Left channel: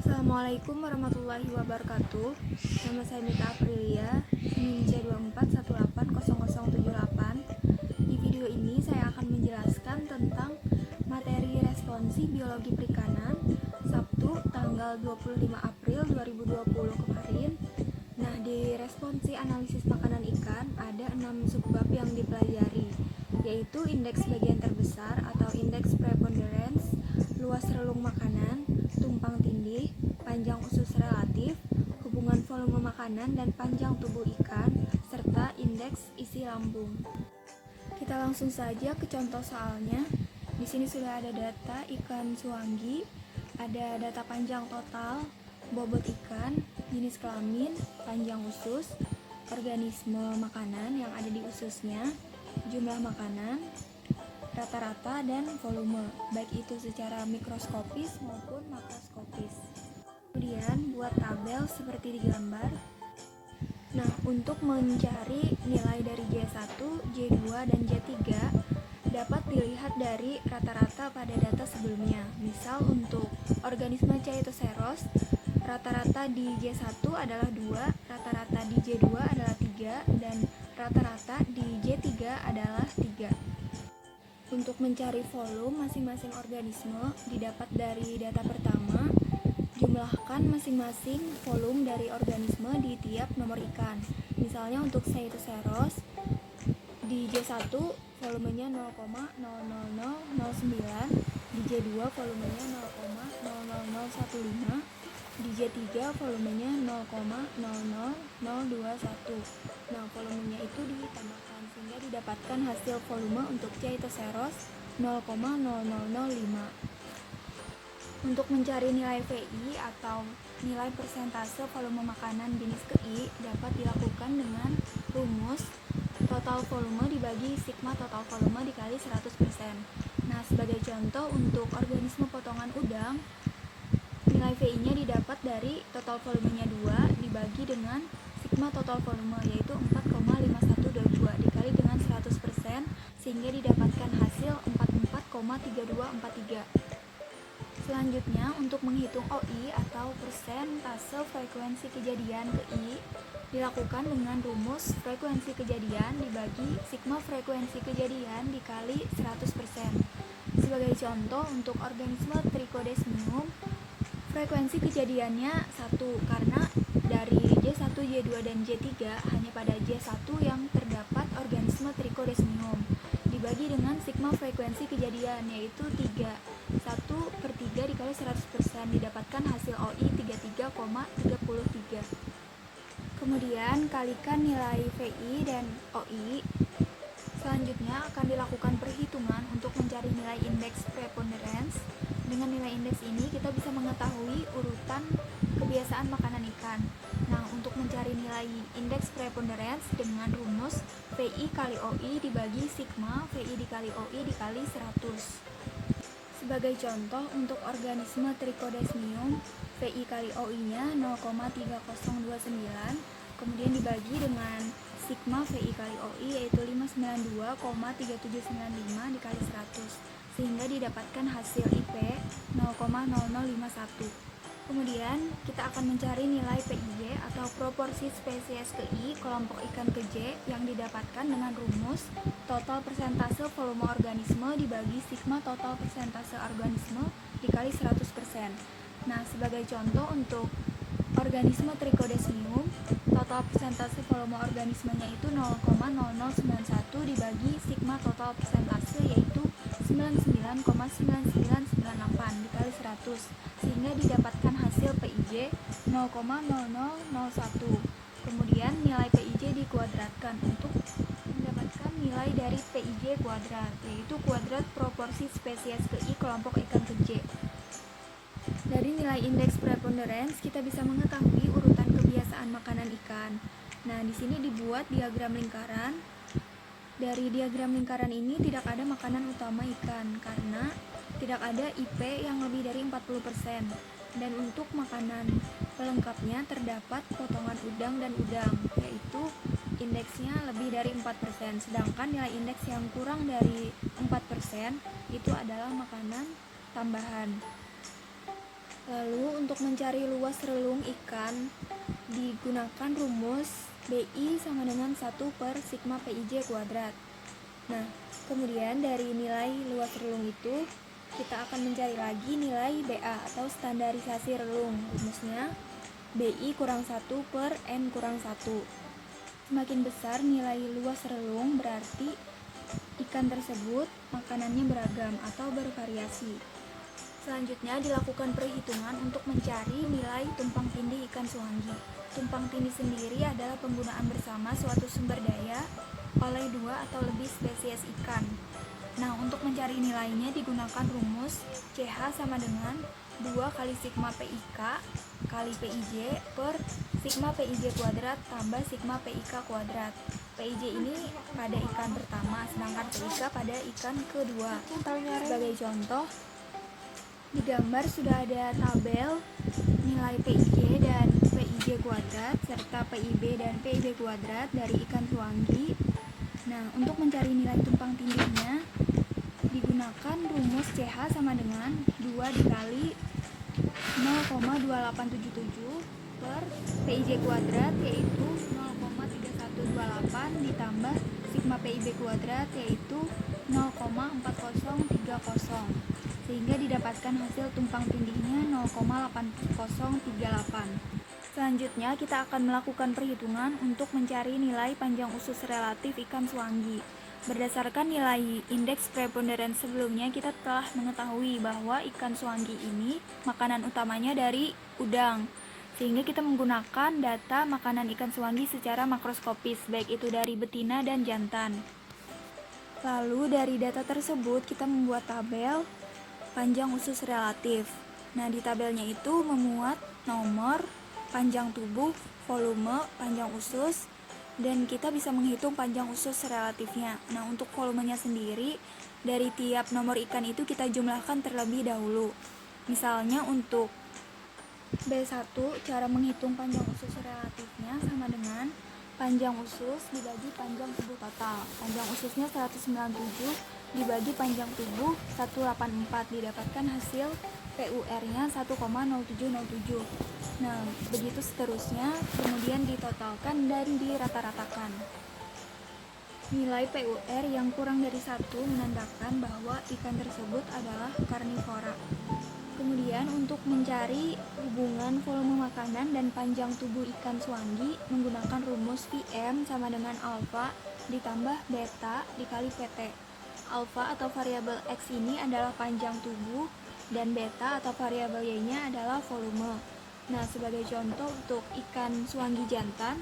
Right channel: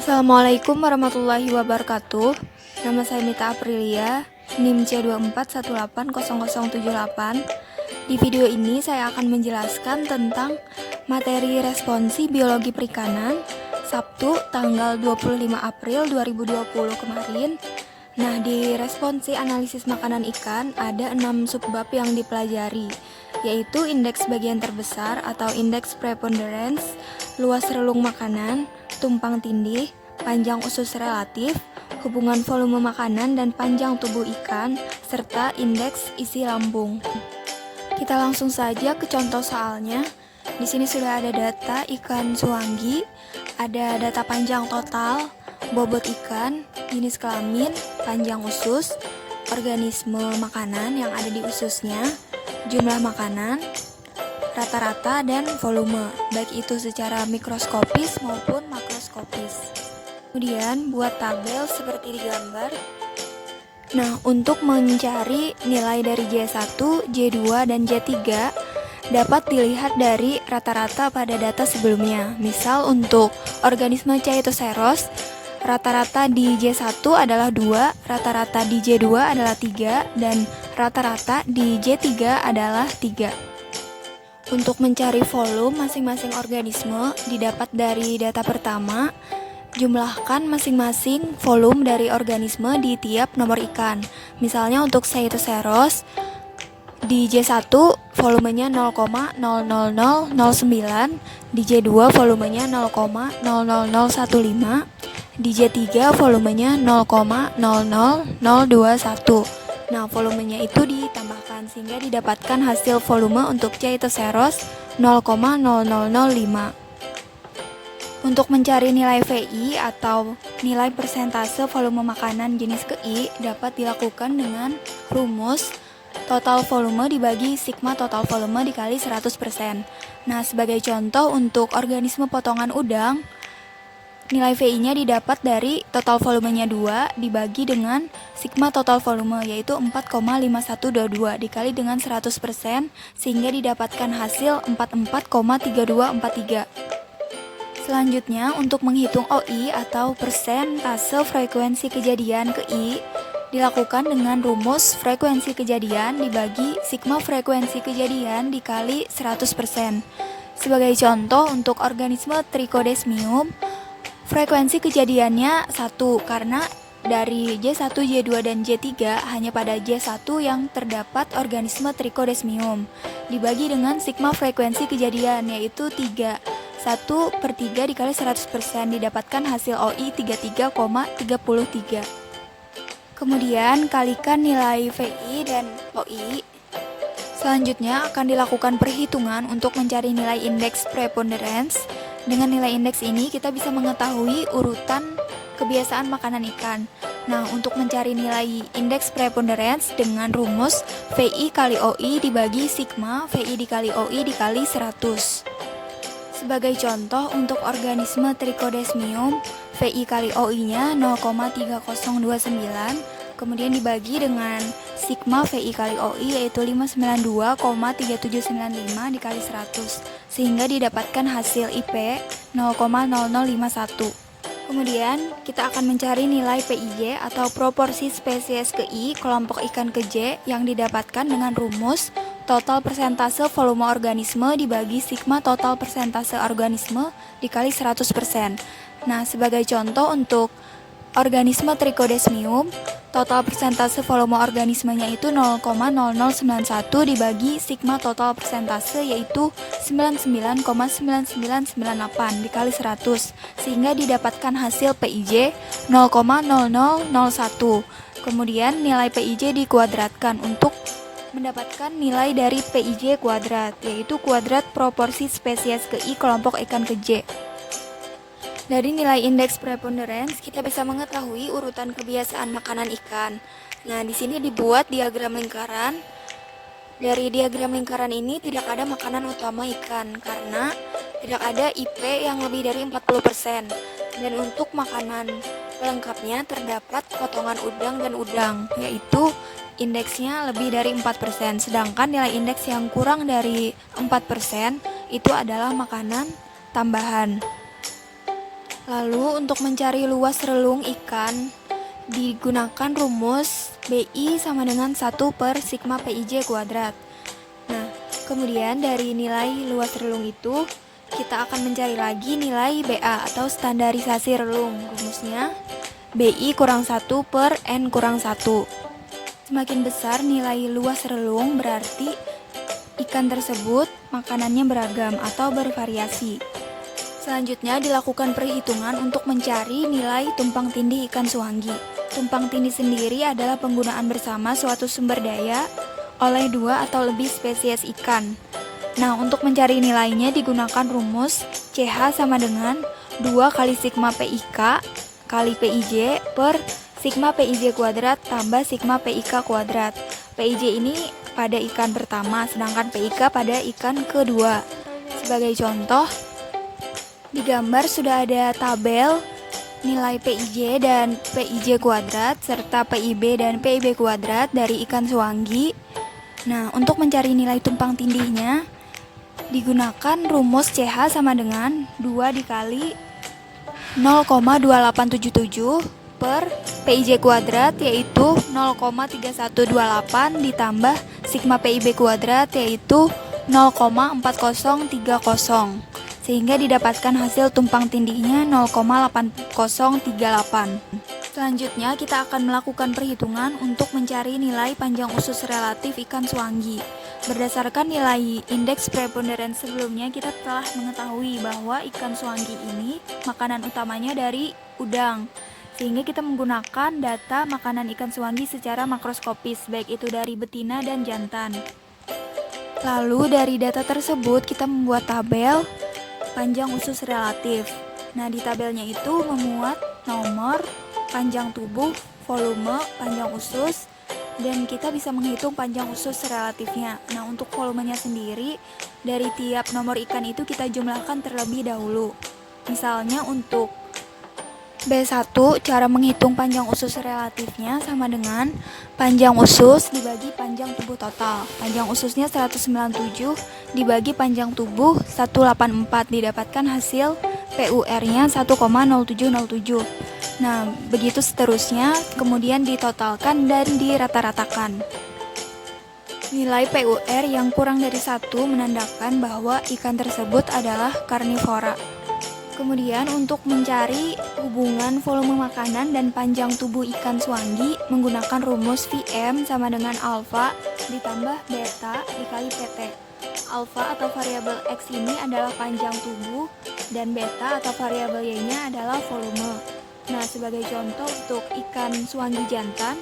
Assalamualaikum warahmatullahi wabarakatuh. Nama saya Mita Aprilia, NIM C24180078. Di video ini saya akan menjelaskan tentang materi responsi biologi perikanan Sabtu tanggal 25 April 2020 kemarin. Nah, di responsi analisis makanan ikan ada 6 subbab yang dipelajari, yaitu indeks bagian terbesar atau indeks preponderance, luas relung makanan, tumpang tindih, panjang usus relatif, hubungan volume makanan dan panjang tubuh ikan, serta indeks isi lambung. Kita langsung saja ke contoh soalnya. Di sini sudah ada data ikan suanggi, ada data panjang total, bobot ikan, jenis kelamin, panjang usus, organisme makanan yang ada di ususnya, jumlah makanan, rata-rata, dan volume, baik itu secara mikroskopis maupun makroskopis. Kemudian buat tabel seperti di gambar. Nah, untuk mencari nilai dari J1, J2, dan J3 dapat dilihat dari rata-rata pada data sebelumnya. Misal untuk organisme Chaetoceros, rata-rata di J1 adalah 2, rata-rata di J2 adalah 3, dan rata-rata di J3 adalah 3. Untuk mencari volume masing-masing organisme didapat dari data pertama. Jumlahkan masing-masing volume dari organisme di tiap nomor ikan. Misalnya untuk Chaetoceros di J1 volumenya 0,00009, di J2 volumenya 0,00015, di J3 volumenya 0,00021. Nah, volumenya itu ditambahkan sehingga didapatkan hasil volume untuk Chaetoceros 0,0005. Untuk mencari nilai VI atau nilai persentase volume makanan jenis KI dapat dilakukan dengan rumus total volume dibagi sigma total volume dikali 100%. Nah, sebagai contoh untuk organisme potongan udang, nilai VI-nya didapat dari total volumenya 2 dibagi dengan sigma total volume, yaitu 4,5122 dikali dengan 100% sehingga didapatkan hasil 44,3243. Selanjutnya, untuk menghitung OI atau persentase frekuensi kejadian KI dilakukan dengan rumus frekuensi kejadian dibagi sigma frekuensi kejadian dikali 100%. Sebagai contoh, untuk organisme Trichodesmium, frekuensi kejadiannya 1 karena dari J1, J2, dan J3 hanya pada J1 yang terdapat organisme Trichodesmium dibagi dengan sigma frekuensi kejadian yaitu 3. 1/3 dikali 100% didapatkan hasil OI 33,33. Kemudian kalikan nilai VI dan OI. Selanjutnya akan dilakukan perhitungan untuk mencari nilai indeks preponderance. Dengan nilai indeks ini kita bisa mengetahui urutan kebiasaan makanan ikan. Nah, untuk mencari nilai indeks preponderance dengan rumus VI kali OI dibagi sigma VI dikali OI dikali 100. Sebagai contoh, untuk organisme Trichodesmium, VI kali OI-nya 0,3029, kemudian dibagi dengan sigma VI kali OI yaitu 592,3795 dikali 100, sehingga didapatkan hasil IP 0,0051. Kemudian kita akan mencari nilai PIJ atau proporsi spesies ke I kelompok ikan ke J yang didapatkan dengan rumus total persentase volume organisme dibagi sigma total persentase organisme dikali 100%. Nah, sebagai contoh untuk organisme Trichodesmium, total persentase volume organismenya itu 0,0091 dibagi sigma total persentase yaitu 99,9998 dikali 100 sehingga didapatkan hasil PIJ 0,0001. Kemudian nilai PIJ dikuadratkan untuk mendapatkan nilai dari PIJ kuadrat, yaitu kuadrat proporsi spesies ke I kelompok ikan ke J. Dari nilai indeks preponderance kita bisa mengetahui urutan kebiasaan makanan ikan. Nah, di sini dibuat diagram lingkaran. Dari diagram lingkaran ini tidak ada makanan utama ikan karena tidak ada IP yang lebih dari 40%. Dan untuk makanan lengkapnya terdapat potongan udang dan udang, yaitu indeksnya lebih dari 4%. Sedangkan nilai indeks yang kurang dari 4% itu adalah makanan tambahan. Lalu untuk mencari luas relung ikan digunakan rumus BI sama dengan 1 per sigma PIJ kuadrat. Nah, kemudian dari nilai luas relung itu kita akan mencari lagi nilai BA atau standarisasi relung. Rumusnya BI kurang 1 per N kurang 1. Semakin besar nilai luas relung berarti ikan tersebut makanannya beragam atau bervariasi. Selanjutnya dilakukan perhitungan untuk mencari nilai tumpang tindih ikan suanggi. Tumpang tindih sendiri adalah penggunaan bersama suatu sumber daya oleh 2 atau lebih spesies ikan. Nah, untuk mencari nilainya digunakan rumus CH sama dengan 2 kali sigma PIK kali PIJ per sigma PIJ kuadrat tambah sigma PIK kuadrat. PIJ ini pada ikan pertama, sedangkan PIK pada ikan kedua. Sebagai contoh, di gambar sudah ada tabel nilai PIJ dan PIJ kuadrat serta PIB dan PIB kuadrat dari ikan suanggi. Nah, untuk mencari nilai tumpang tindihnya digunakan rumus CH sama dengan 2 dikali 0,2877 per PIJ kuadrat yaitu 0,3128 ditambah sigma PIB kuadrat yaitu 0,4030 sehingga didapatkan hasil tumpang tindihnya 0,8038. Selanjutnya kita akan melakukan perhitungan untuk mencari nilai panjang usus relatif ikan suanggi. Berdasarkan nilai indeks preponderans sebelumnya, kita telah mengetahui bahwa ikan suanggi ini makanan utamanya dari udang. Sehingga kita menggunakan data makanan ikan suanggi secara makroskopis, baik itu dari betina dan jantan. Lalu dari data tersebut kita membuat tabel panjang usus relatif. Nah, di tabelnya itu memuat nomor, panjang tubuh, volume, panjang usus, dan kita bisa menghitung panjang usus relatifnya. Nah, untuk volumenya sendiri, dari tiap nomor ikan itu kita jumlahkan terlebih dahulu. Misalnya untuk B1, cara menghitung panjang usus relatifnya sama dengan panjang usus dibagi panjang tubuh total. Panjang ususnya 197 dibagi panjang tubuh 184, didapatkan hasil PUR-nya 1,0707. Nah, begitu seterusnya, kemudian ditotalkan dan dirata-ratakan. Nilai PUR yang kurang dari 1 menandakan bahwa ikan tersebut adalah karnivora. Kemudian untuk mencari hubungan volume makanan dan panjang tubuh ikan suanggi menggunakan rumus VM sama dengan alfa ditambah beta dikali PT. Alfa atau variabel X ini adalah panjang tubuh dan beta atau variabel Y-nya adalah volume. Nah, sebagai contoh untuk ikan suanggi jantan,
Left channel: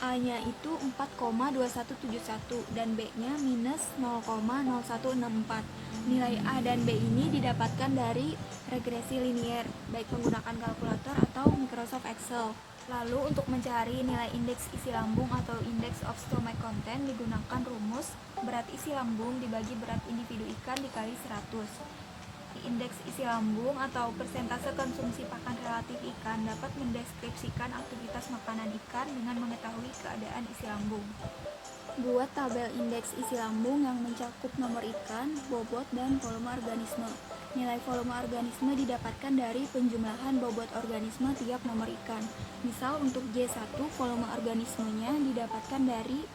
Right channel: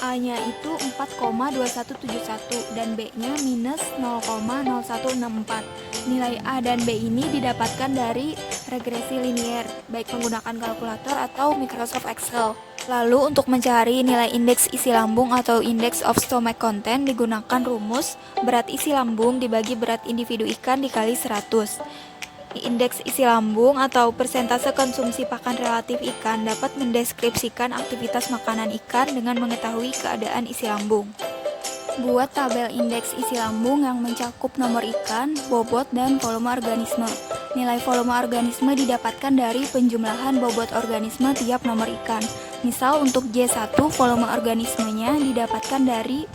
A-nya itu 4,2171 dan B-nya minus 0,0164. Nilai A dan B ini didapatkan dari regresi linier, baik menggunakan kalkulator atau Microsoft Excel. Lalu untuk mencari nilai indeks isi lambung atau index of stomach content digunakan rumus berat isi lambung dibagi berat individu ikan dikali 100. Indeks isi lambung atau persentase konsumsi pakan relatif ikan dapat mendeskripsikan aktivitas makanan ikan dengan mengetahui keadaan isi lambung. Buat tabel indeks isi lambung yang mencakup nomor ikan, bobot, dan volume organisme. Nilai volume organisme didapatkan dari penjumlahan bobot organisme tiap nomor ikan. Misal untuk J1 volume organismenya didapatkan dari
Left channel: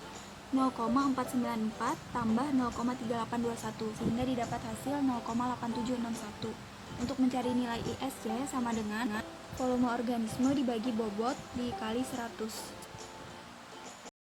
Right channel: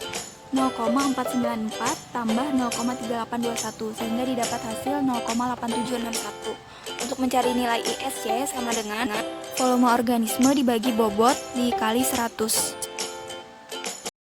0,494 tambah 0,3821 sehingga didapat hasil 0,8761. Untuk mencari nilai ISC sama dengan volume organisme dibagi bobot dikali 100.